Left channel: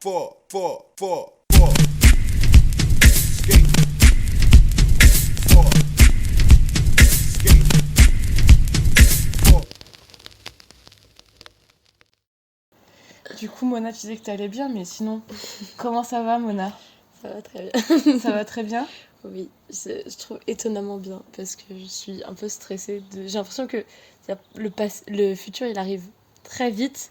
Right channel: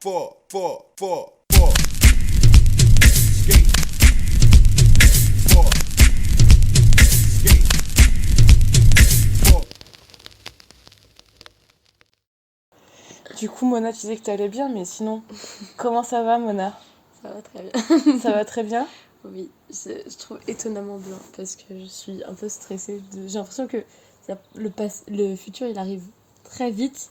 four. Skate. Four. Skate. Four. Du coup, Mona, tu disais que t'allais bien, mais sinon, comment ça va, Mona? Ça va très bien. Ça va très bien? Oui, je trouve étonnamment bien parce que je suis un peu stressée. J'ai l'impression que le futur il arrive très vite,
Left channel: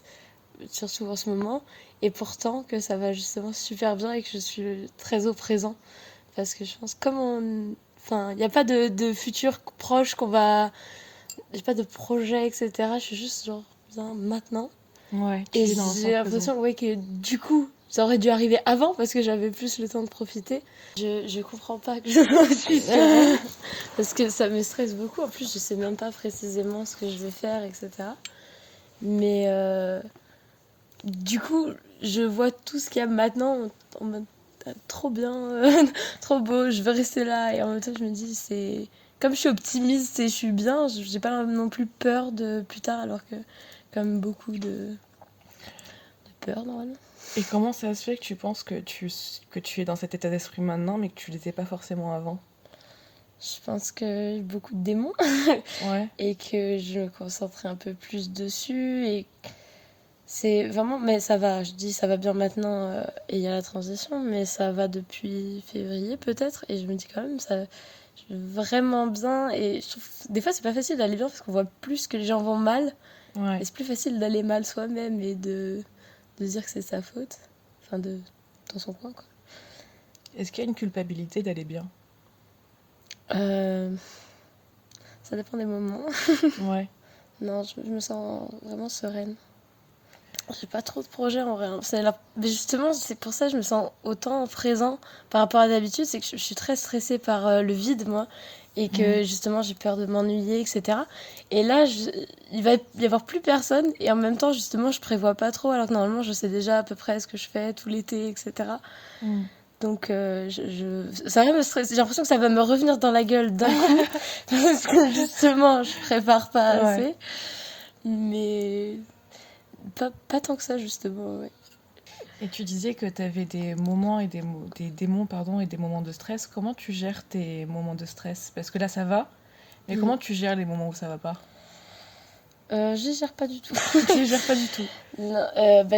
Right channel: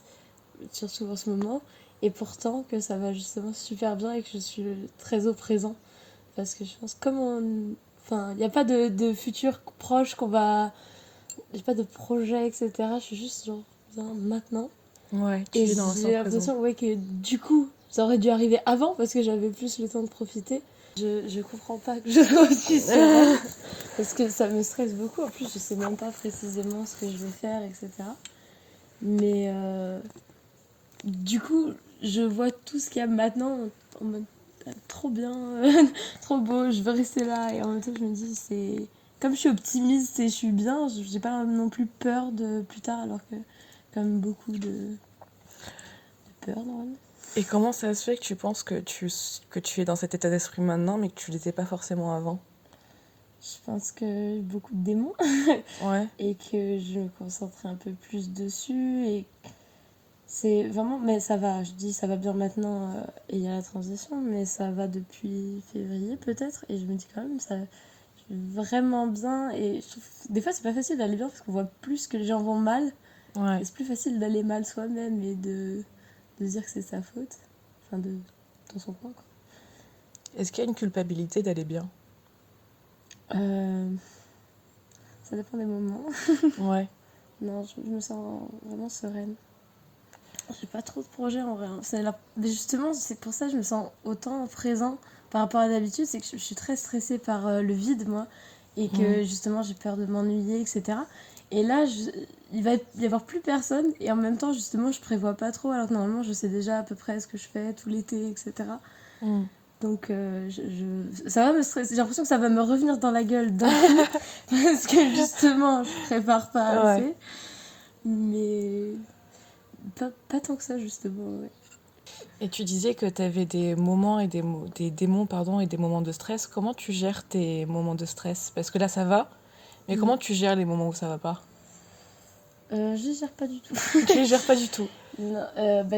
surtout en ce moment, et pourtant que ça va justement super bien et que je suis très au présent. Parce que je pense, Enfin, il n'y a pas de futur proche qu'on va. J'ai pas de projet, etc. Je suis juste genre bien maintenant. Ouais, tu Et es dans l'instant j'ai présent. l'impression ouais, que du coup, ça aurait dû arriver avant parce que j'avais plus le temps de profiter. Je comprends pas que je dois aussi faire parce que ça me stresse beaucoup. En plus, je sais même pas précisément ce que je vais faire, etc. Mais du coup, je vois tout ce qu'il y a maintenant en mode trop bien, trop beau, je veux rester là. Et en même temps, je me dis, c'est. Comme je suis optimiste et je suis bien, j'ai pas non plus peur de plus tard, alors que, comme beaucoup de peur, normalement. Et comment ça se fait que tu penses que tu es dans cet état d'esprit maintenant, mais que tu l'étais pas forcément avant? Je pense que j'ai beaucoup de démons Ouais. et que je me concentrais un peu plus dessus. Et c'est vraiment. Mais ça va, je dis ça va bien maintenant et il y a la transition, mais ça va depuis février peut-être. Et je me dis quand même, ça je vais vraiment bien. Et je trouve, des fois, c'est pas facile d'aller bien parce qu'on voit plus que les gens vont mal. Ouais. Et c'est plus facile d'aller mal soi-même et de se dire que c'est sa faute. Enfin, dans son coin, quoi. Est-ce qu'il y a une culpabilité d'aller bien? Euh, Ça dépend des moments. Ouais. Non, je me sens vraiment sereine. J'ai pas trop de projets en vrai. Mais justement, c'est pour ça que je me sens autant présent par rapport à d'habitude. C'est que je suis très stressée par le vide, moi. Et que justement, j'ai peur de m'ennuyer, etc. Et là, il va y avoir plus personne. Et en même temps, justement, je prévois pas trop. Alors que normalement, je sais déjà à peu près ce que je fais tout l'été, etc. Mm. Donc, ça va me stresser. J'ai l'impression que ça va me revenir dans la gueule d'un coup. Parce que justement, je prépare pas assez. Ouais. Mais pas tant que ça, justement, ouais. Et tu disais que tu avais des moments et des démons, pardon, et des moments de stress. Comment tu gères tes moments de stress? Parce que là, ça va, mais comment tu gères les moments où ça va pas? Je gère pas du tout. Tu les gères pas du tout. Non,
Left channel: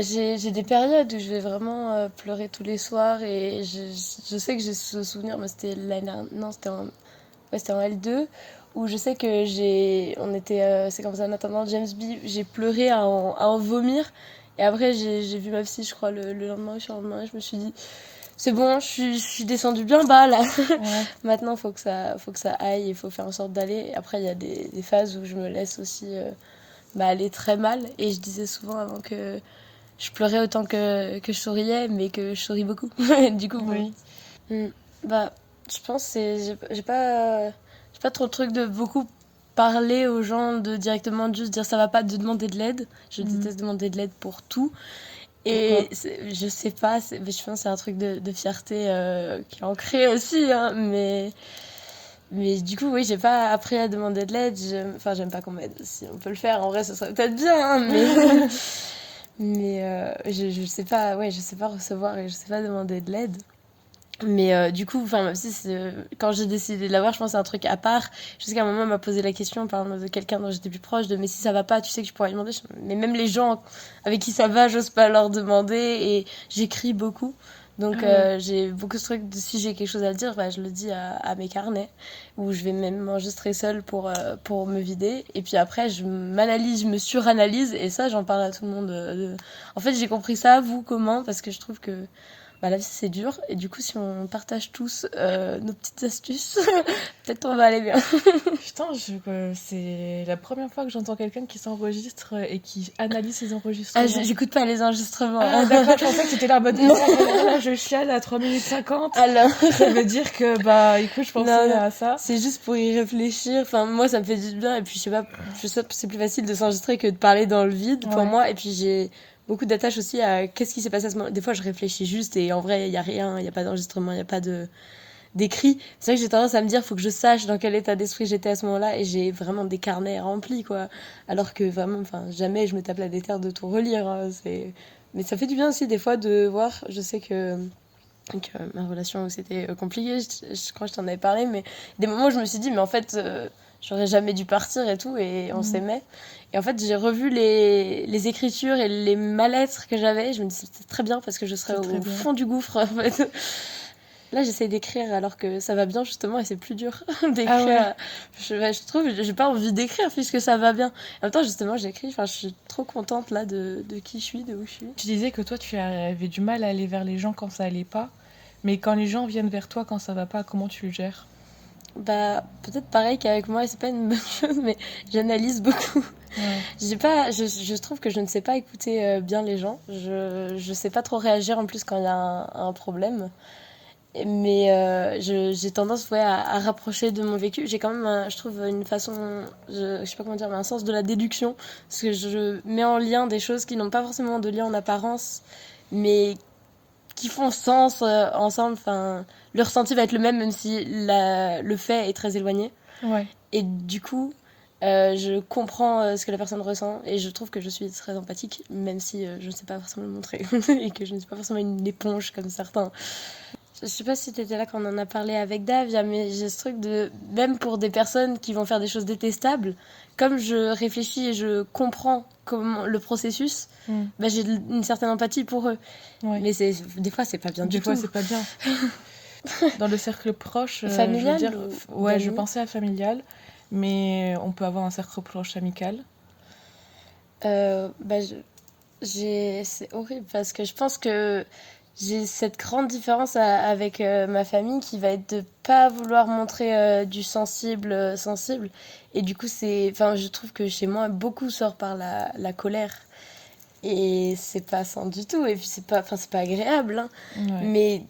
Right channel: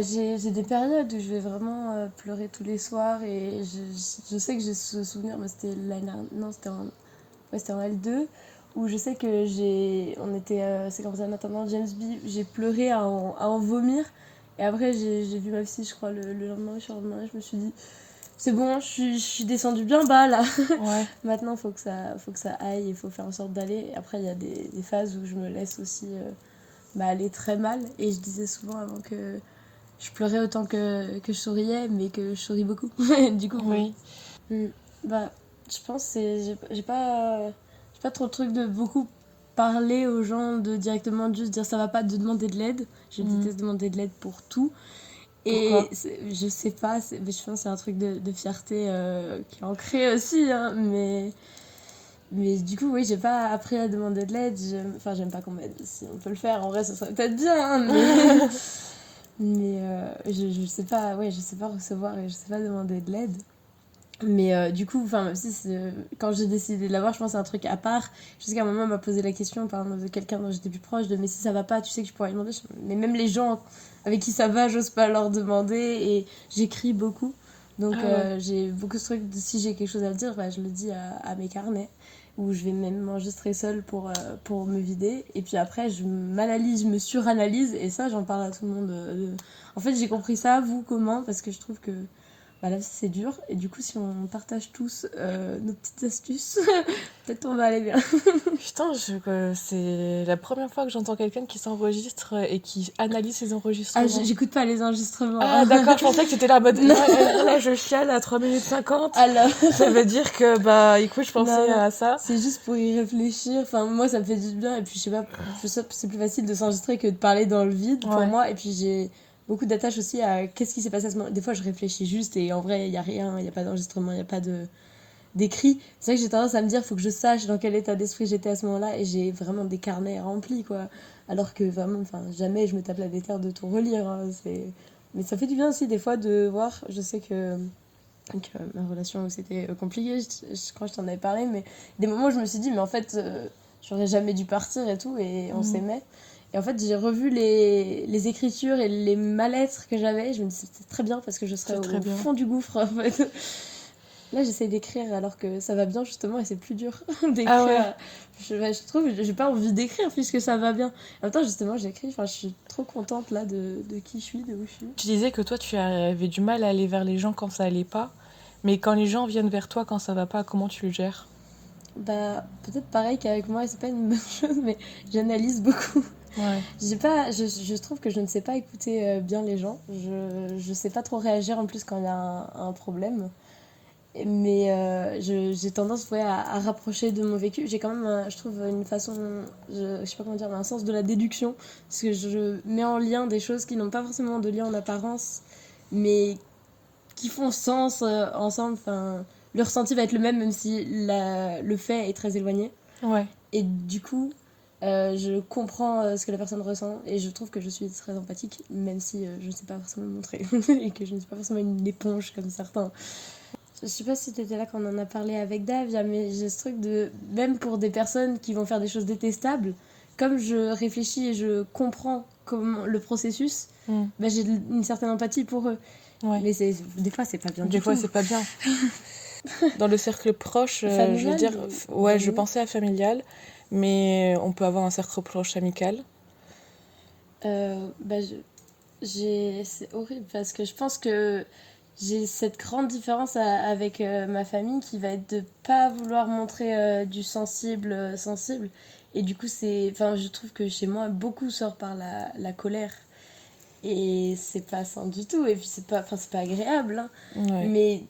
j'ai des périodes où je vais vraiment pleurer tous les soirs et je sais que j'ai ce souvenir, mais c'était l'année dernière, non, c'était en L2, où je sais que c'est comme ça en attendant James B, j'ai pleuré à en vomir. Et après, j'ai vu ma psy, je crois, le lendemain, et je me suis dit, c'est bon, je suis descendue bien bas là. Ouais. Maintenant, faut que ça aille, il faut faire en sorte d'aller. Et après, il y a des phases où je me laisse aussi aller très mal. Et je disais souvent avant que je pleurais autant que je souriais, mais que je souris beaucoup. Du coup, bon. Oui. Bah, je pense que j'ai pas trop le truc de beaucoup parler aux gens, de directement juste dire ça va pas, de demander de l'aide. Je déteste demander de l'aide pour tout. Pourquoi? Et je sais pas, mais je pense que c'est un truc de fierté qui est ancré aussi, hein, mais du coup, oui, j'ai pas appris à demander de l'aide. Enfin, j'aime pas qu'on m'aide. Si on peut le faire, en vrai, ce serait peut-être bien, hein, mais je sais pas, ouais, je sais pas recevoir et je sais pas demander de l'aide. Mais du coup, enfin, même si quand j'ai décidé de l'avoir, je pense que c'est un truc à part. Jusqu'à un moment, on m'a posé la question par exemple, de quelqu'un dont j'étais plus proche, mais si ça va pas, tu sais que je pourrais lui demander. Mais même les gens avec qui ça va, j'ose pas leur demander. Et j'écris beaucoup. Donc j'ai beaucoup ce truc de si j'ai quelque chose à dire, bah, je le dis à mes carnets. Où je vais même m'enregistrer seule pour me vider. Et puis après, je m'analyse, je me suranalyse. Et ça, j'en parle à tout le monde. En fait, j'ai compris ça, vous, comment? Parce que je trouve que la vie c'est dur et du coup si on partage tous nos petites astuces, peut-être on va aller bien. Putain, c'est la première fois que j'entends quelqu'un qui s'enregistre et qui analyse ses enregistrements. J'écoute pas les enregistrements. Ah d'accord, je pensais que c'était là en mode là je chiale à 3 minutes 50. Alors... Ça veut dire que bah écoute, je pensais non, à ça. c'est juste pour y réfléchir. Enfin moi ça me fait du bien et puis je sais pas, c'est plus facile de s'enregistrer que de parler dans le vide pour moi. Et puis j'ai beaucoup d'attache aussi à qu'est-ce qui s'est passé à ce moment. Des fois je réfléchis juste et en vrai il y a rien, il y a pas d'enregistrement, il y a pas d'écrit. C'est vrai que j'ai tendance à me dire faut que je sache dans quel état d'esprit j'étais à ce moment-là et j'ai vraiment des carnets remplis quoi. Alors que vraiment, enfin jamais je me tape la déterre de tout relire. Hein. Mais ça fait du bien aussi des fois de voir, je sais que ma relation c'était compliqué, je crois que je t'en avais parlé, mais des moments où je me suis dit, mais en fait, j'aurais jamais dû partir et tout, et on s'aimait. Et en fait, j'ai revu les écritures et les mal-être que j'avais, je me dis, c'était très bien parce que je serais C'est très au bien. fond du gouffre, en fait. Là, j'essaie d'écrire alors que ça va bien, justement, et c'est plus dur d'écrire. Ah ouais. Je trouve, j'ai pas envie d'écrire puisque ça va bien. En même temps, justement, j'écris, enfin, je suis trop contente là de qui je suis, de où je suis. Tu disais que toi, tu avais du mal à aller vers les gens quand ça allait pas. Mais quand les gens viennent vers toi quand ça va pas, comment tu le gères? Bah, peut-être pareil qu'avec moi, c'est pas une bonne chose, mais j'analyse beaucoup. Ouais. Je trouve que je ne sais pas écouter bien les gens. Je sais pas trop réagir en plus quand il y a un problème. Mais j'ai tendance ouais, à rapprocher de mon vécu. J'ai quand même, je trouve, une façon, je sais pas comment dire, mais un sens de la déduction. Parce que je mets en lien des choses qui n'ont pas forcément de lien en apparence, mais qui font sens ensemble. Enfin, le ressenti va être le même si le fait est très éloigné. Ouais. Et du coup, je comprends ce que la personne ressent et je trouve que je suis très empathique, même si je ne sais pas forcément le montrer et que je ne suis pas forcément une éponge comme certains. Je sais pas si tu étais là quand on en a parlé avec Davia, mais j'ai ce truc de, même pour des personnes qui vont faire des choses détestables, comme je réfléchis et je comprends comment, le processus, bah, j'ai une certaine empathie pour eux. Ouais. Mais des fois, c'est pas bien Des du fois, tout. c'est pas bien. Dans le cercle proche, je veux Familial dire, ou ouais, je d'amis pensais à familial, mais on peut avoir un cercle proche amical. Bah, c'est horrible parce que je pense que j'ai cette grande différence avec ma famille qui va être de pas vouloir montrer du sensible. Et du coup, enfin, je trouve que chez moi, beaucoup sort par la colère. Et c'est pas sain du tout. Et puis, c'est pas agréable. Hein. Ouais. Mais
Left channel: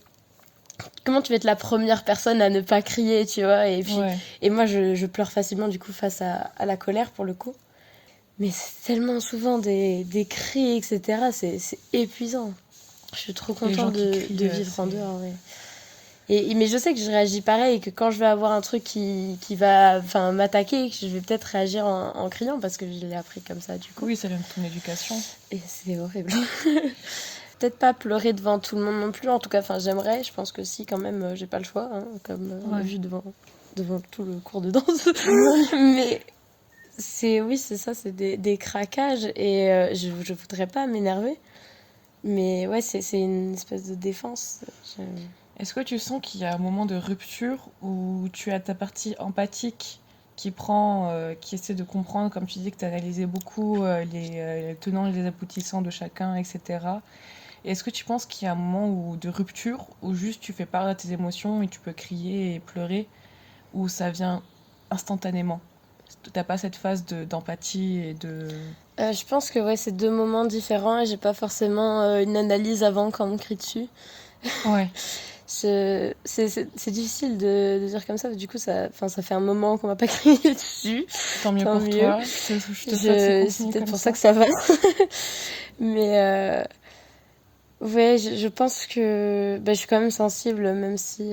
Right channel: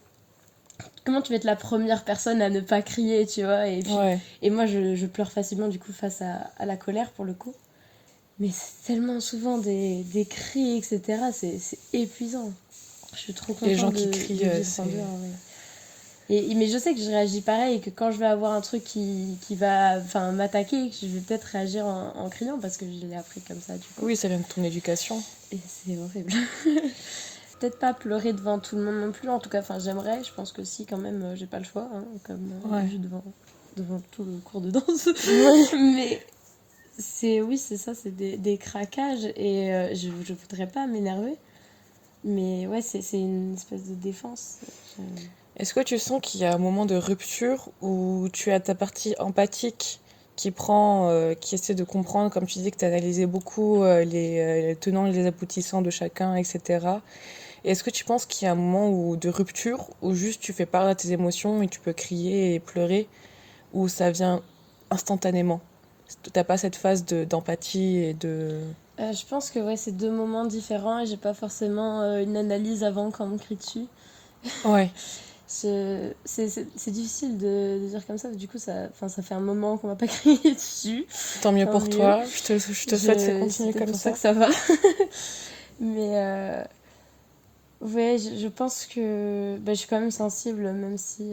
comment tu vas être la première personne à ne pas crier, tu vois Ouais. Et moi, je pleure facilement, du coup, face à la colère, pour le coup. Mais c'est tellement souvent des cris, etc. C'est épuisant. Je suis trop Les gens contente qui crient, de vivre c'est- en dehors, ouais. Mais je sais que je réagis pareil et que quand je vais avoir un truc qui va m'attaquer, je vais peut-être réagir en criant parce que je l'ai appris comme ça, du coup. Oui, ça vient de ton éducation. Et c'est horrible. Peut-être pas pleurer devant tout le monde non plus, en tout cas, j'aimerais. Je pense que si, quand même, j'ai pas le choix, hein, comme Ouais. vu devant tout le cours de danse. Mais oui, c'est ça, c'est des craquages et je voudrais pas m'énerver. Mais ouais, c'est une espèce de défense. Est-ce que tu sens qu'il y a un moment de rupture où tu as ta partie empathique qui prend, qui essaie de comprendre, comme tu dis que tu analysé beaucoup les tenants et les aboutissants de chacun, etc. Et est-ce que tu penses qu'il y a un moment de rupture où juste tu fais part de tes émotions et tu peux crier et pleurer, ou ça vient instantanément? T'as pas cette phase d'empathie et de... Je pense que ouais, c'est deux moments différents et j'ai pas forcément une analyse avant quand on me crie dessus. Ouais, C'est difficile de dire comme ça, du coup, ça fait un moment qu'on m'a pas crié dessus. tant mieux Tant pour mieux. toi. Je te souhaite de C'est continuer peut-être comme pour ça. ça que ça va. Mais ouais, je pense que je suis quand même sensible, même si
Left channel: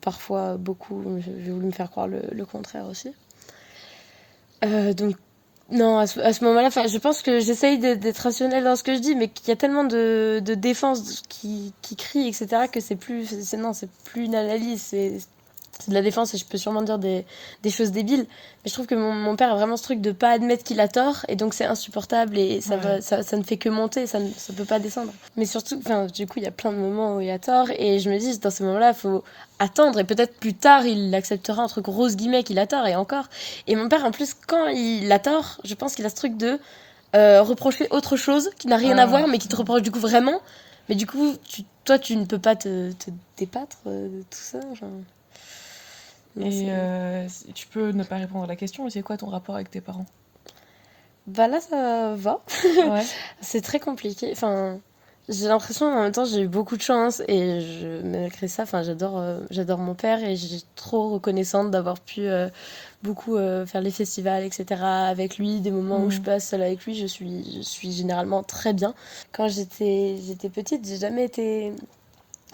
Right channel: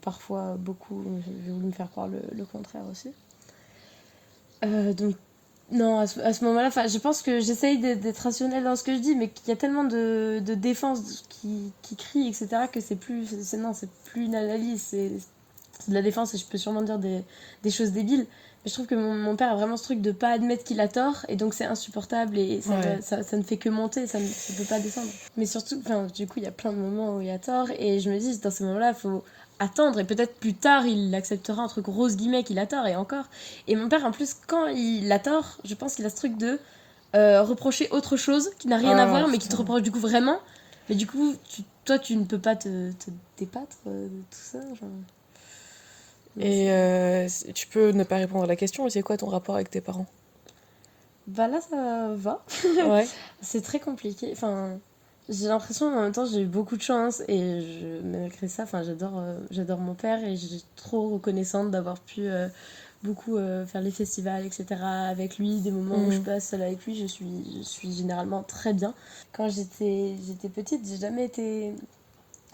parfois beaucoup, j'ai voulu me faire croire le contraire aussi. Donc, non, à ce moment-là, je pense que j'essaye d'être rationnelle dans ce que je dis, mais qu'il y a tellement de défense qui crient, etc., que c'est plus une analyse, c'est de la défense et je peux sûrement dire des choses débiles. Mais je trouve que mon père a vraiment ce truc de pas admettre qu'il a tort et donc c'est insupportable et Ouais. ça ne fait que monter, ça peut pas descendre. Mais surtout, du coup, il y a plein de moments où il y a tort et je me dis, dans ces moments-là, il faut attendre et peut-être plus tard, il acceptera entre grosses guillemets qu'il a tort et encore. Et mon père, en plus, quand il a tort, je pense qu'il a ce truc de reprocher autre chose qui n'a rien à voir mais qui te reproche du coup vraiment. Mais du coup, toi, tu ne peux pas te débattre de tout ça, genre... Et tu peux ne pas répondre à la question, mais c'est quoi ton rapport avec tes parents? Bah là, ça va. Ouais. C'est très compliqué. J'ai l'impression, en même temps, j'ai eu beaucoup de chance et malgré ça, j'adore mon père et j'ai trop reconnaissante d'avoir pu beaucoup faire les festivals, etc. avec lui, des moments où je passe seule avec lui, je suis généralement très bien. Quand j'étais petite,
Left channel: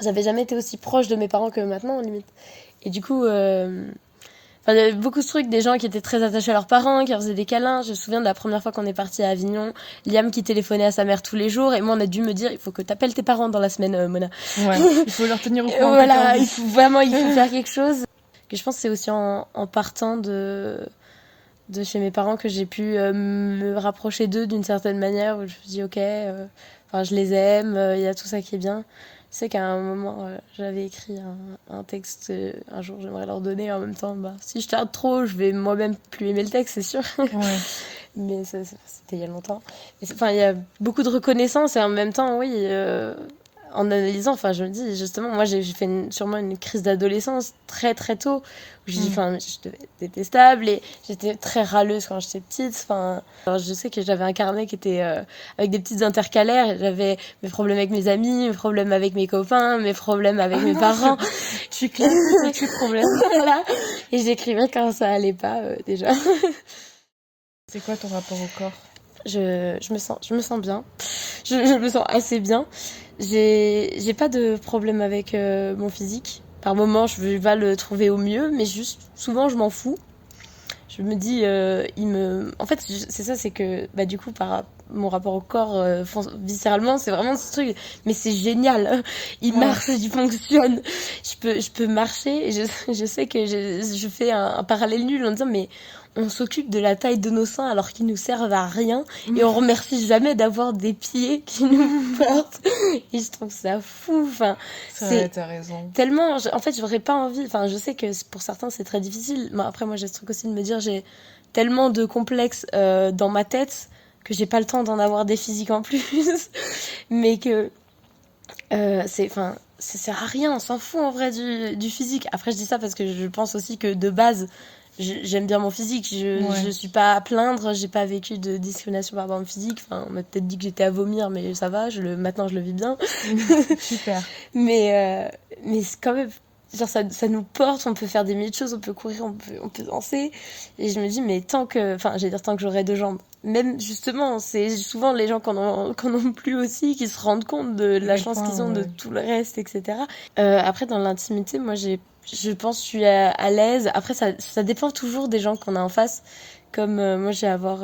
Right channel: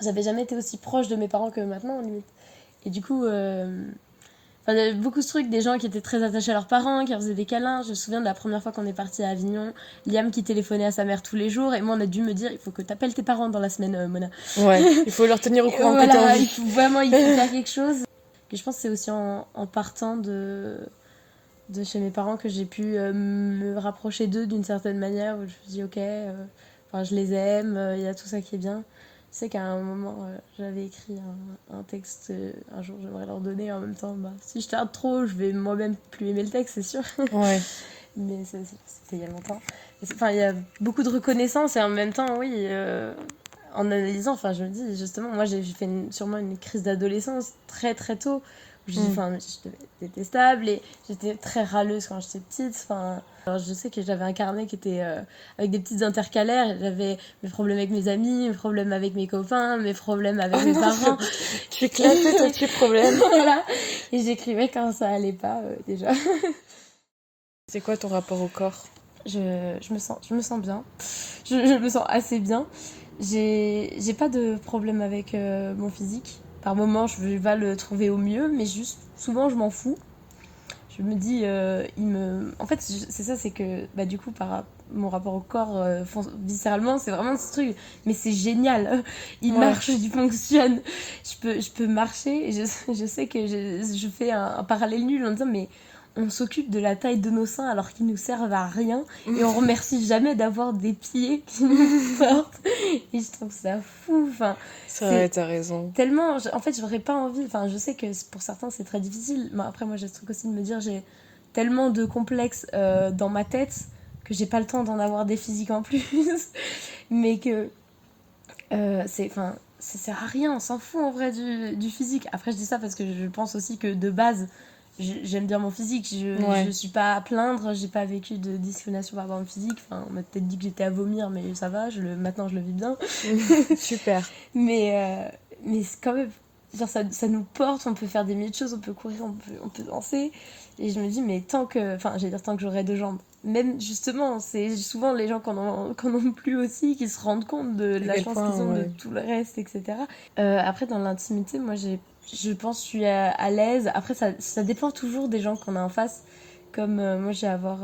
j'avais jamais été aussi proche de mes parents que maintenant, limite. Et du coup, Enfin, il y avait beaucoup de trucs, des gens qui étaient très attachés à leurs parents, qui leur faisaient des câlins. Je me souviens de la première fois qu'on est parti à Avignon, Liam qui téléphonait à sa mère tous les jours, et moi on a dû me dire, il faut que t'appelles tes parents dans la semaine, Mona. Ouais, il faut leur tenir au courant que t'es en Voilà, vie. il faut faire quelque chose. Que je pense que c'est aussi en partant de chez mes parents que j'ai pu me rapprocher d'eux d'une certaine manière, où je me dis ok, enfin, je les aime, il y a tout ça qui est bien. Je sais qu'à un moment, j'avais écrit un texte, un jour j'aimerais leur donner, en même temps, bah, si je tarde trop, je vais moi-même plus aimer le texte, c'est sûr. Ouais. Mais c'était il y a longtemps. Enfin, il y a beaucoup de reconnaissance et en même temps, oui, en analysant, enfin, je me dis, justement, moi, j'ai fait sûrement une crise d'adolescence très, très tôt. Où je dis, enfin, je devais être détestable et j'étais très râleuse quand j'étais petite. Enfin, alors, je sais que j'avais un carnet qui était avec des petites intercalaires. Et j'avais mes problèmes avec mes amis, mes problèmes avec mes copains, mes problèmes avec mes parents. Tu classes tes petits problèmes. Voilà. Et j'écrivais quand ça allait pas, déjà. C'est quoi ton rapport au corps? Je me sens bien. Je me sens assez bien. J'ai pas de problème avec mon physique. Par moments, je vais pas le trouver au mieux, mais juste souvent, je m'en fous. Je me dis, En fait, c'est ça, c'est que, bah, du coup, par mon rapport au corps, viscéralement, c'est vraiment ce truc. Mais c'est génial. Il marche, il fonctionne. Je peux marcher. Et je sais que je fais un parallèle nul en disant, mais on s'occupe de la taille de nos seins alors qu'ils nous servent à rien. Et on remercie jamais d'avoir des pieds qui nous portent. Et je trouve ça fou. Enfin, T'as raison. tellement, en fait, j'aurais pas envie. Enfin, je sais que pour certains, c'est très difficile. Mais après, moi, j'ai ce truc aussi de me dire, j'ai tellement de complexes dans ma tête que j'ai pas le temps d'en avoir des physiques en plus. Mais que enfin, ça sert à rien, on s'en fout en vrai du physique. Après, je dis ça parce que je pense aussi que de base, j'aime bien mon physique. Je suis pas à plaindre, j'ai pas vécu de discrimination par rapport à mon physique. Enfin, on m'a peut-être dit que j'étais à vomir, mais ça va, maintenant je le vis bien. Super. Mais c'est quand même. Genre, ça nous porte, on peut faire des milliers de choses, on peut courir, on peut danser. Et je me dis, mais tant que j'aurai deux jambes. Même justement, c'est souvent les gens qui en ont plus aussi qui se rendent compte de la chance qu'ils ont de tout le reste, etc. Après, dans l'intimité, moi, je pense que je suis à l'aise. Après, ça dépend toujours des gens qu'on a en face. Comme moi, j'ai à avoir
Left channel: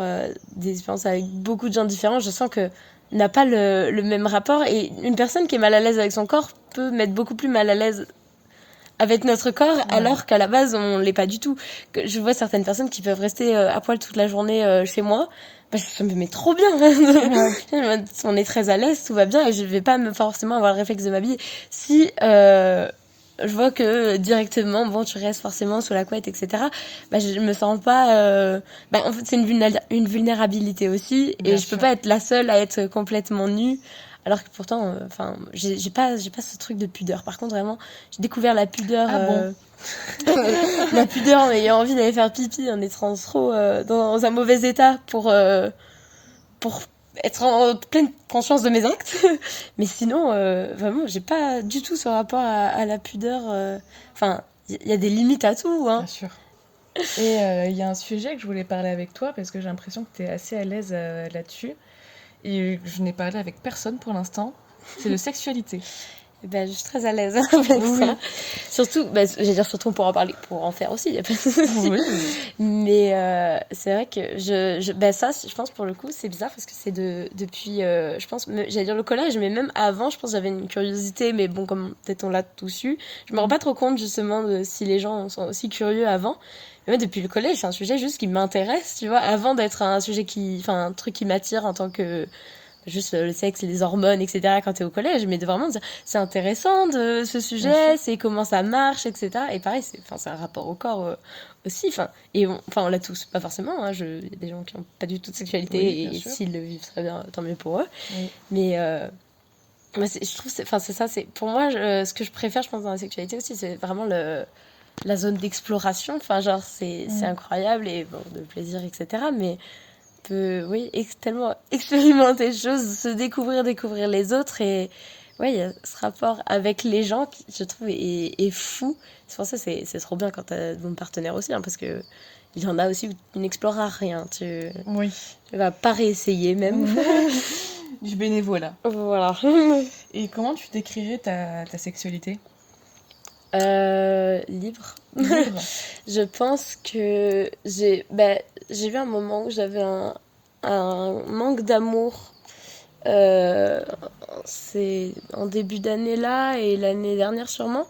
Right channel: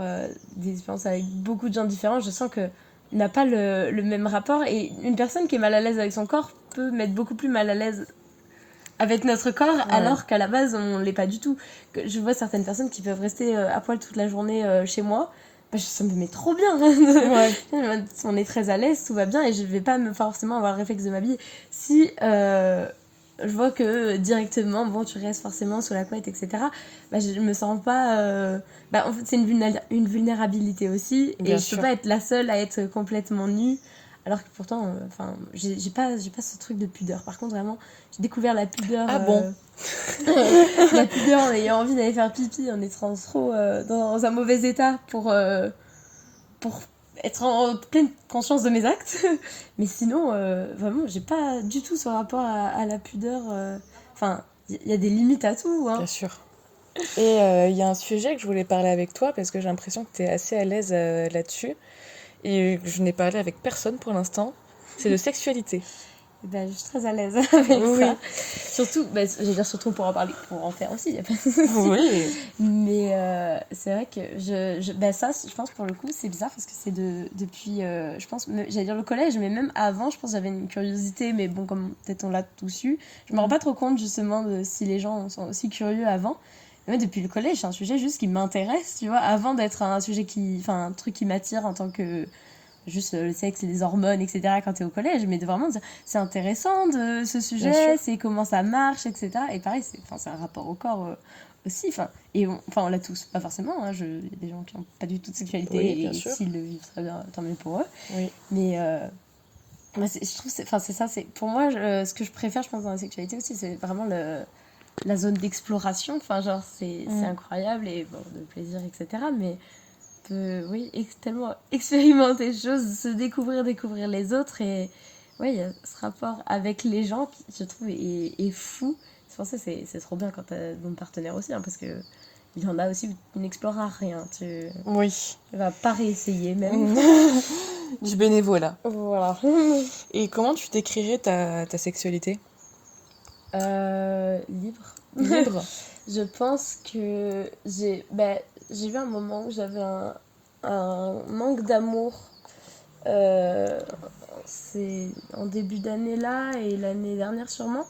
des expériences avec beaucoup de gens différents. Je sens que n'a pas le même rapport. Et une personne qui est mal à l'aise avec son corps peut mettre beaucoup plus mal à l'aise avec notre corps, alors qu'à la base, on l'est pas du tout. Je vois certaines personnes qui peuvent rester à poil toute la journée chez moi. Bah, ça me met trop bien. On est très à l'aise, tout va bien, et je vais pas forcément avoir le réflexe de m'habiller. Si je vois que directement, bon, tu restes forcément sous la couette, etc., bah, je me sens pas... en fait, c'est une vulnérabilité aussi, et je peux pas être la seule à être complètement nue. Alors que pourtant, j'ai pas ce truc de pudeur. Par contre, vraiment, j'ai découvert la pudeur. Ah bon la pudeur en ayant envie d'aller faire pipi, en étant trop dans un mauvais état pour être en pleine conscience de mes actes. Mais sinon, vraiment, j'ai pas du tout ce rapport à la pudeur. Enfin, il y a des limites à tout. Hein. Bien sûr. Et il y a un sujet que je voulais parler avec toi parce que j'ai l'impression que tu es assez à l'aise là-dessus. Et je n'ai parlé avec personne pour l'instant. C'est de sexualité. Ben, je suis très à l'aise avec ça. Surtout, surtout on pourra en parler pour en faire aussi. Y a pas de souci. Oui. Mais c'est vrai que ça, je pense pour le coup, c'est bizarre parce que c'est depuis, je pense, j'allais dire le collège, mais même avant, je pense que j'avais une curiosité, mais bon, comme peut-être on l'a tous eu, je me rends pas trop compte justement de si les gens sont aussi curieux avant. Mais depuis le collège, c'est un sujet juste qui m'intéresse, tu vois, avant d'être un sujet un truc qui m'attire en tant que juste le sexe, les hormones, etc. quand t'es au collège, mais de vraiment dire, c'est intéressant de ce sujet, c'est comment ça marche, etc. Et pareil, c'est un rapport au corps aussi, on l'a tous, pas forcément, hein, il y a des gens qui n'ont pas du tout de sexualité, et s'ils le vivent très bien, tant mieux pour eux. Oui. Mais je trouve, c'est ça, pour moi, ce que je préfère, je pense, dans la sexualité aussi, c'est vraiment la zone d'exploration, c'est incroyable, et bon, de plaisir, etc. Mais peut, tellement expérimenter des choses, se découvrir les autres, et il y a ce rapport avec les gens qui, je trouve, est fou. C'est pour ça que c'est trop bien quand t'as ton partenaire aussi, hein, parce que il y en a aussi où tu n'exploreras rien, tu vas pas réessayer même. Du bénévolat. Voilà. Et comment tu décrirais ta sexualité ? Libre. libre? Je pense que j'ai eu un moment où j'avais un manque d'amour. C'est en début d'année là et l'année dernière sûrement,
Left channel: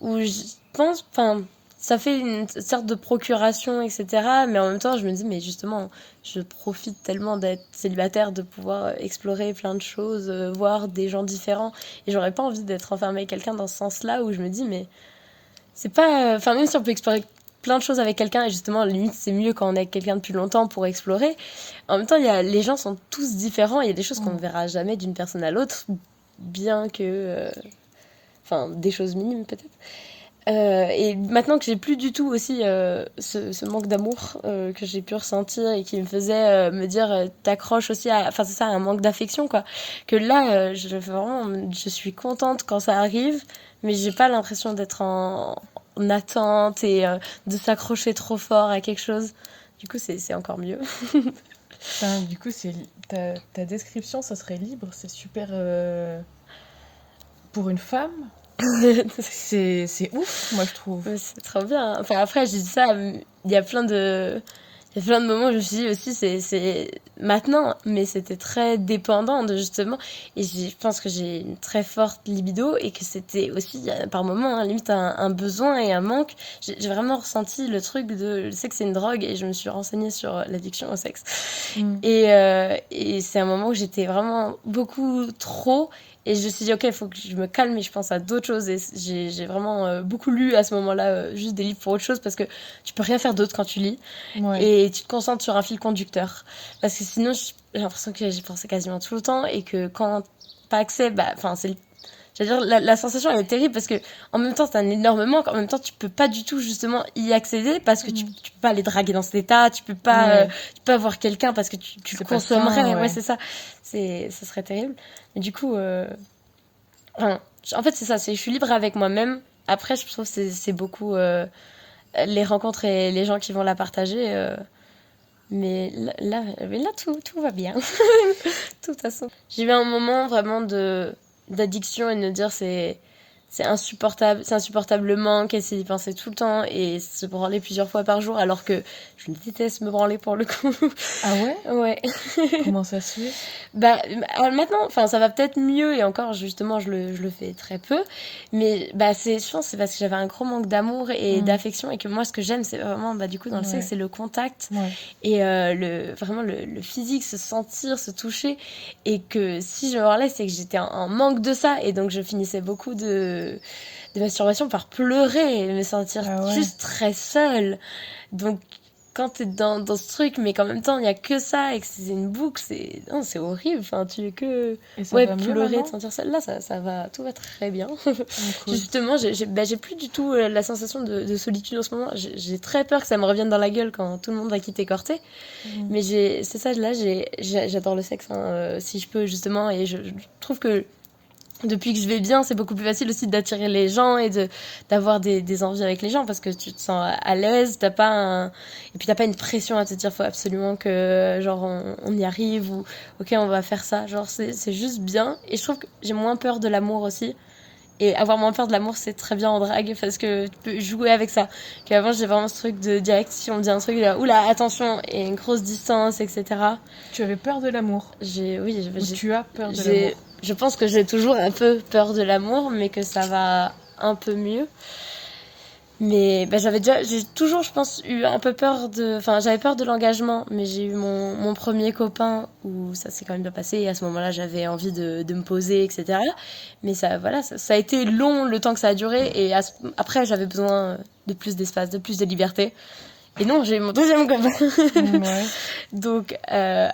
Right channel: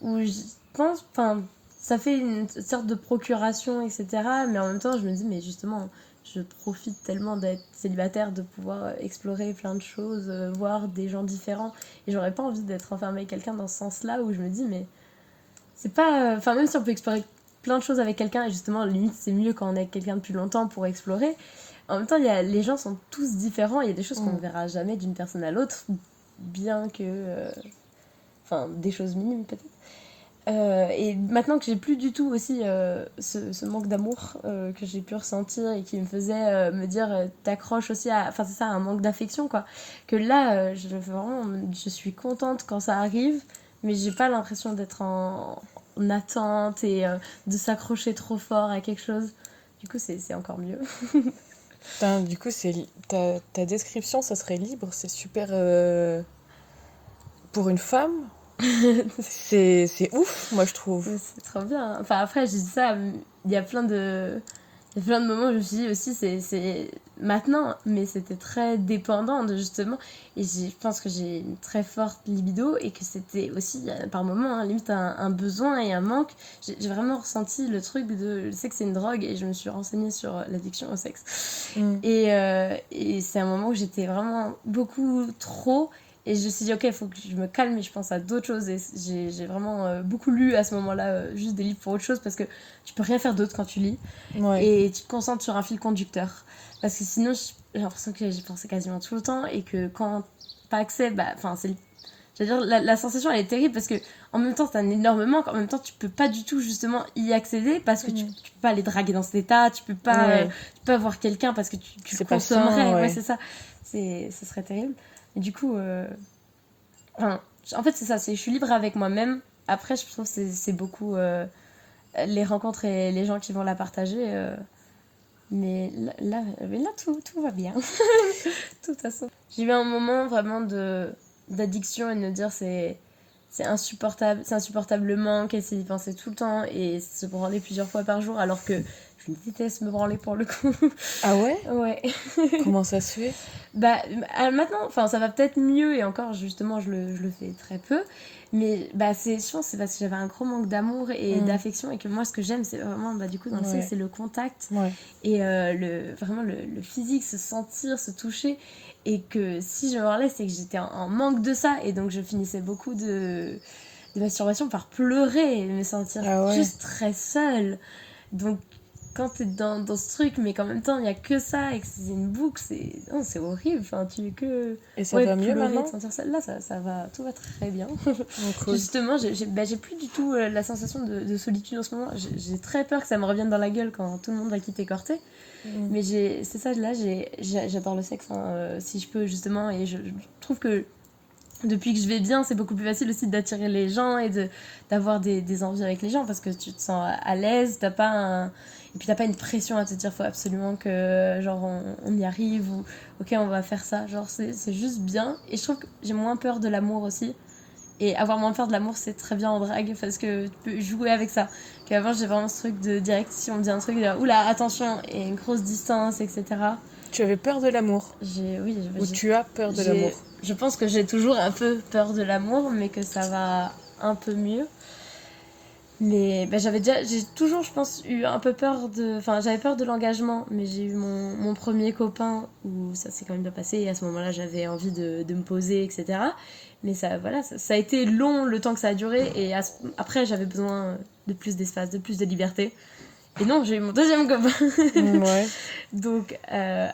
où je pense, enfin, ça fait une sorte de procuration, etc. Mais en même temps, je me dis, mais justement, je profite tellement d'être célibataire, de pouvoir explorer plein de choses, voir des gens différents. Et j'aurais pas envie d'être enfermée avec quelqu'un dans ce sens-là, où je me dis, mais c'est pas. Enfin, même si on peut explorer plein de choses avec quelqu'un, et justement, limite, c'est mieux quand on est avec quelqu'un depuis longtemps pour explorer. En même temps, les gens sont tous différents, il y a des choses qu'on ne verra jamais d'une personne à l'autre, bien que. Enfin, des choses minimes peut-être. Et maintenant que j'ai plus du tout aussi ce manque d'amour que j'ai pu ressentir et qui me faisait me dire t'accroches aussi à. Enfin, c'est ça, un manque d'affection, quoi. Que là, je suis contente quand ça arrive, mais j'ai pas l'impression d'être en attente et de s'accrocher trop fort à quelque chose. Du coup, c'est encore mieux. Putain, du coup, ta description, ça serait libre, c'est super. Pour une femme, c'est ouf, moi je trouve. Ouais, c'est trop bien. Enfin, après, j'ai dit ça, il y a plein de. Il y a plein de moments où je me suis dit aussi, c'est maintenant, mais c'était très dépendant de justement. Et je pense que j'ai une très forte libido et que c'était aussi, par moments, hein, limite un besoin et un manque. J'ai vraiment ressenti le truc de. Je sais que c'est une drogue et je me suis renseignée sur l'addiction au sexe. Et c'est un moment où j'étais vraiment beaucoup trop. Et je me suis dit, ok, il faut que je me calme et je pense à d'autres choses. Et j'ai vraiment beaucoup lu à ce moment-là, juste des livres pour autre chose, parce que tu peux rien faire d'autre quand tu lis. Ouais. Et tu te concentres sur un fil conducteur. Parce que sinon, j'ai l'impression que j'y pensais quasiment tout le temps. Et que quand pas accès, enfin, j'allais dire, la sensation, elle est terrible parce que en même temps, c'est un énorme manque. En même temps, tu peux pas du tout, justement, y accéder parce que tu peux pas aller draguer dans cet état. Tu peux pas, tu peux avoir quelqu'un parce que tu le consommerais. Sain, ouais, c'est ça. Ça serait terrible. Mais du coup, enfin, en fait, c'est ça. Je suis libre avec moi-même. Après, je trouve que c'est beaucoup les rencontres et les gens qui vont la partager. Mais là, tout va bien. De toute façon. J'ai eu un moment vraiment d'addiction et de me dire c'est insupportable, c'est insupportable le manque, essayer d'y penser tout le temps et se branler plusieurs fois par jour alors que je déteste me branler pour le coup. Ah ouais? Ouais. Comment ça se fait? Maintenant, enfin ça va peut-être mieux et encore justement je le fais très peu, mais je pense que c'est parce que j'avais un gros manque d'amour et d'affection et que moi ce que j'aime c'est vraiment du coup dans le sexe c'est le contact et vraiment le physique, se sentir, se toucher et que si je me branlais c'est que j'étais en manque de ça et donc je finissais beaucoup de masturbation par pleurer et me sentir juste très seule. Donc quand t'es dans ce truc mais qu'en même temps il y a que ça et que c'est une boucle, c'est horrible. Enfin, tu es que et ça va mieux pleurer, maintenant? te sentir seule. Là ça va, tout va très bien. Cool. Justement j'ai plus du tout la sensation de solitude en ce moment. J'ai très peur que ça me revienne dans la gueule quand tout le monde va quitter Corté. Mais c'est ça, là j'adore le sexe hein, si je peux justement et je trouve que depuis que je vais bien, c'est beaucoup plus facile aussi d'attirer les gens et d'avoir des envies avec les gens parce que tu te sens à l'aise, et puis t'as pas une pression à te dire faut absolument que genre on y arrive ou ok on va faire ça, genre c'est juste bien et je trouve que j'ai moins peur de l'amour aussi et avoir moins peur de l'amour c'est très bien en drague parce que tu peux jouer avec ça qu'avant j'ai vraiment ce truc de direct si on me dit un truc là oula attention et une grosse distance etc. Tu avais peur de l'amour? Ou tu as peur de l'amour? Je pense que j'ai toujours un peu peur de l'amour, mais que ça va un peu mieux. Mais j'ai toujours, je pense, eu un peu peur enfin, j'avais peur de l'engagement, mais j'ai eu mon premier copain où ça s'est quand même bien passé. Et à ce moment-là, j'avais envie de me poser, etc. Mais ça a été long le temps que ça a duré. Et après, j'avais besoin de plus d'espace, de plus de liberté. Et non, j'ai eu mon deuxième copain. Ouais. Donc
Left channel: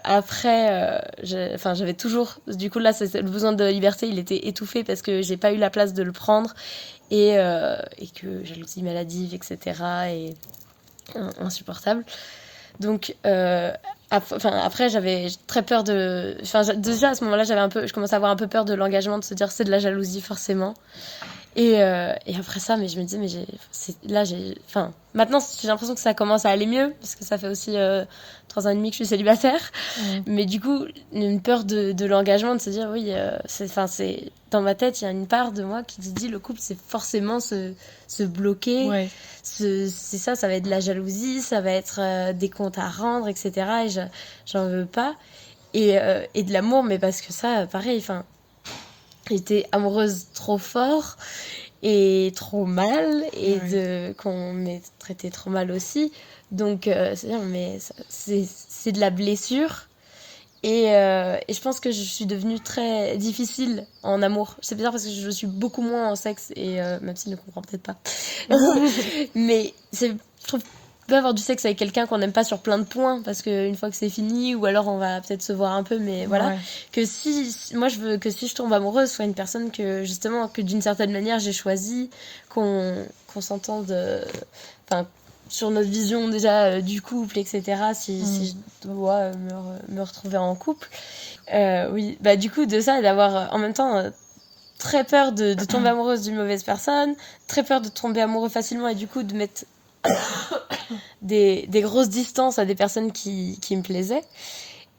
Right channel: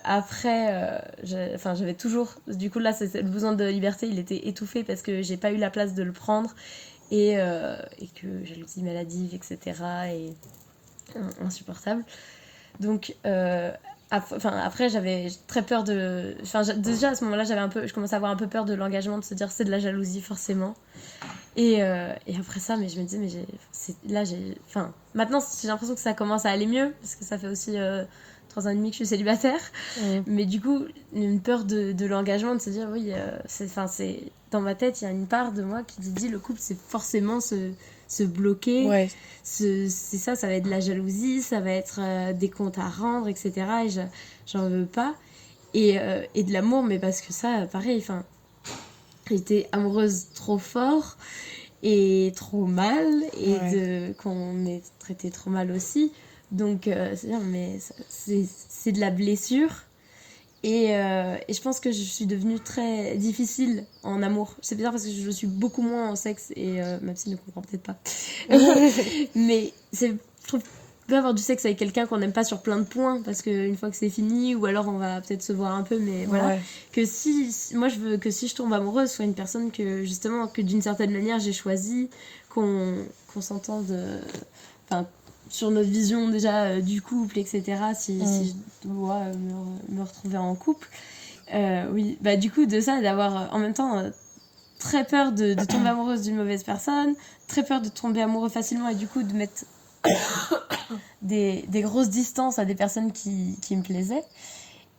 après, j'avais toujours... Du coup là, le besoin de liberté, il était étouffé parce que j'ai pas eu la place de le prendre et que jalousie maladive, etc. et insupportable. Donc après, j'avais très peur déjà à ce moment-là, je commençais à avoir un peu peur de l'engagement, de se dire c'est de la jalousie forcément. Et après ça, mais je me disais, enfin, maintenant, j'ai l'impression que ça commence à aller mieux, parce que ça fait aussi 3 ans et demi que je suis célibataire. Mais du coup, une peur de l'engagement, de se dire, oui, dans ma tête, il y a une part de moi qui dit, le couple, c'est forcément se bloquer. Ouais. C'est ça va être de la jalousie, ça va être des comptes à rendre, etc. Et j'en veux pas. Et de l'amour, mais parce que ça, pareil, enfin, j'étais amoureuse trop fort et trop mal, et qu'on m'ait traité trop mal aussi. Donc, c'est-à-dire, mais c'est de la blessure. Et je pense que je suis devenue très difficile en amour. C'est bizarre parce que je suis beaucoup moins en sexe, et même s'il ne comprend peut-être pas. Mais je trouve peut avoir du sexe avec quelqu'un qu'on n'aime pas sur plein de points, parce qu'une fois que c'est fini, ou alors on va peut-être se voir un peu, mais voilà. Ouais. Moi, je veux que si je tombe amoureuse, soit une personne que, justement, que d'une certaine manière j'ai choisie, qu'on s'entende, enfin, sur notre vision déjà du couple, etc. Si je dois me retrouver en couple. Oui, bah du coup, de ça, et d'avoir en même temps très peur de tomber amoureuse d'une mauvaise personne, très peur de tomber amoureux facilement, et du coup de mettre des grosses distances à des personnes qui me plaisaient.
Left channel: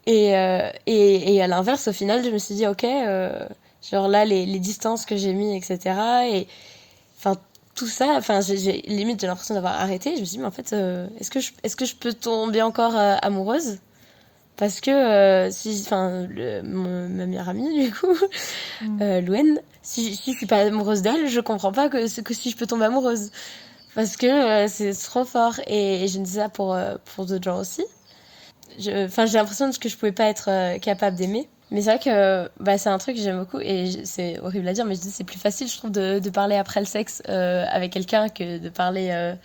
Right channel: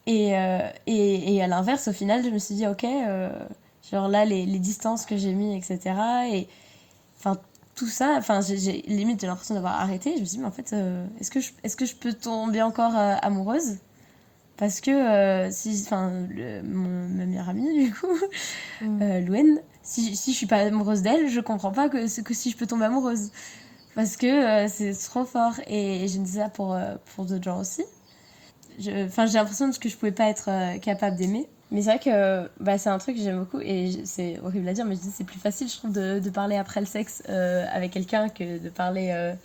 Et à l'inverse, au final, je me suis dit, ok, genre là, les distances que j'ai mis, etc. Et enfin, tout ça, enfin, j'ai limite, j'ai l'impression d'avoir arrêté. Je me suis dit, mais en fait, est-ce que je peux tomber encore amoureuse? Parce que ma meilleure amie, du coup, Louane, si je suis pas amoureuse d'elle, je comprends pas que si je peux tomber amoureuse. Parce que c'est trop fort. Et je me dis ça pour d'autres gens aussi. J'ai l'impression que je pouvais pas être capable d'aimer. Mais c'est vrai que c'est un truc que j'aime beaucoup, et c'est horrible à dire, mais je dis c'est plus facile, je trouve, de parler après le sexe avec quelqu'un que de parler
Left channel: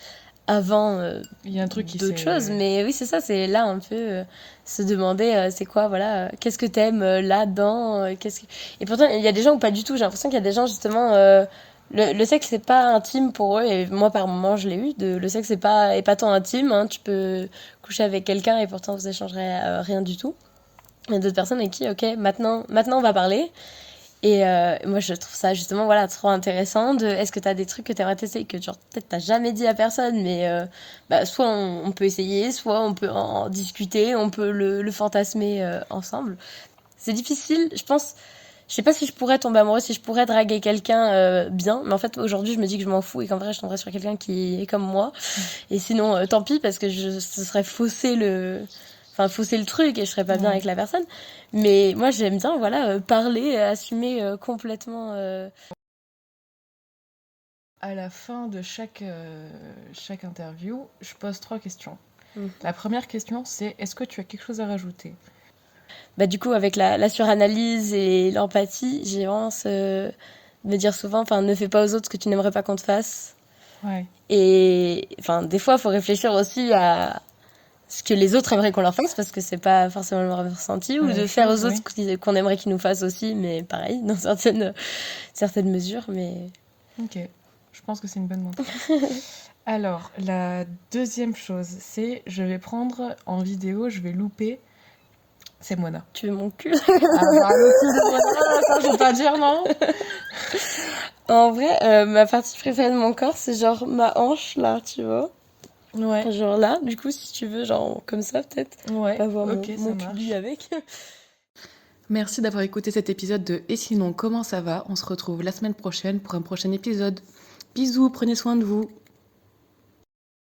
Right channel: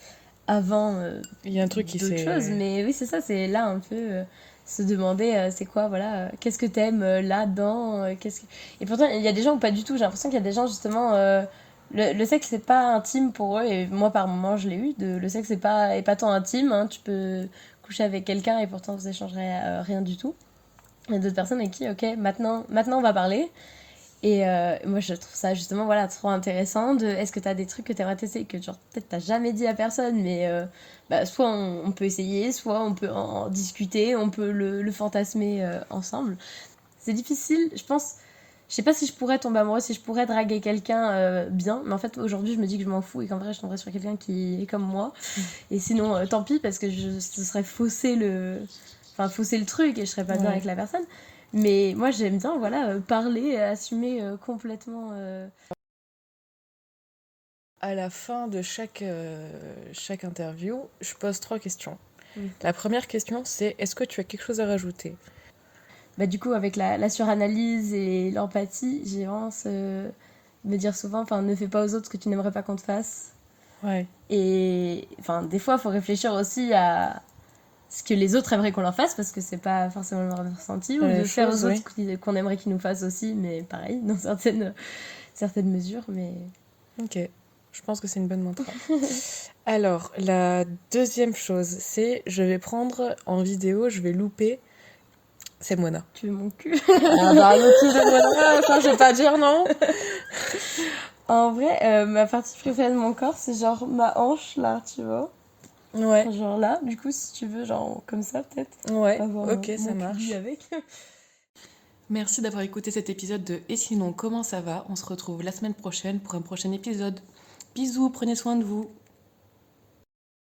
avant Il y a un truc qui d'autres choses. Mais oui, c'est ça, c'est là un peu se demander c'est quoi, voilà, qu'est-ce que t'aimes là-dedans, Et pourtant, il y a des gens où pas du tout. J'ai l'impression qu'il y a des gens, justement, le sexe, c'est pas intime pour eux, et moi, par moments, je l'ai eu. Le sexe, c'est pas épatant intime, hein. Tu peux coucher avec quelqu'un et pourtant vous échangerez rien du tout. Il y a d'autres personnes avec qui, ok, maintenant on va parler. Et moi, je trouve ça justement, voilà, trop intéressant. Est-ce que tu as des trucs que tu aimerais tester, que genre peut-être t'as jamais dit à personne, mais soit on peut essayer, soit on peut en discuter, on peut le fantasmer ensemble. C'est difficile, je pense. Je sais pas si je pourrais tomber amoureuse, si je pourrais draguer quelqu'un bien, mais en fait aujourd'hui je me dis que je m'en fous, et qu'en vrai je tomberais sur quelqu'un qui est comme moi. Et sinon, tant pis, parce que ce serait fausser le truc, et je serais pas bien avec la personne. Mais moi j'aime bien, voilà, parler, assumer complètement. À la fin de chaque interview, je pose 3 questions. La première question, c'est est-ce que tu as quelque chose à rajouter? Bah, du coup, avec la suranalyse et l'empathie, j'ai vraiment me dire souvent, ne fais pas aux autres ce que tu n'aimerais pas qu'on te fasse. Ouais. Et des fois, il faut réfléchir aussi à ce que les autres aimeraient qu'on leur fasse, parce que c'est pas forcément leur ressenti, ou de faire aux autres qu'on aimerait qu'ils nous fassent aussi, mais pareil, dans certaines mesures. Mais... Ok, je pense que c'est une bonne mantra. Alors, la deuxième chose, c'est je vais prendre en vidéo, je vais louper. C'est Mona. Tu veux mon cul? Ah bah le cul de Mona, ça je vais pas dire non. En vrai, ma partie préférée de mon corps, c'est genre ma hanche là, tu vois. Ouais. Genre là, du coup, si tu veux, genre comme ça peut-être. Ouais, avoir ok, mon ça marche. cul avec. Merci d'avoir écouté cet épisode de Et sinon, comment ça va? On se retrouve la semaine prochaine pour un prochain épisode. Bisous, prenez soin de vous.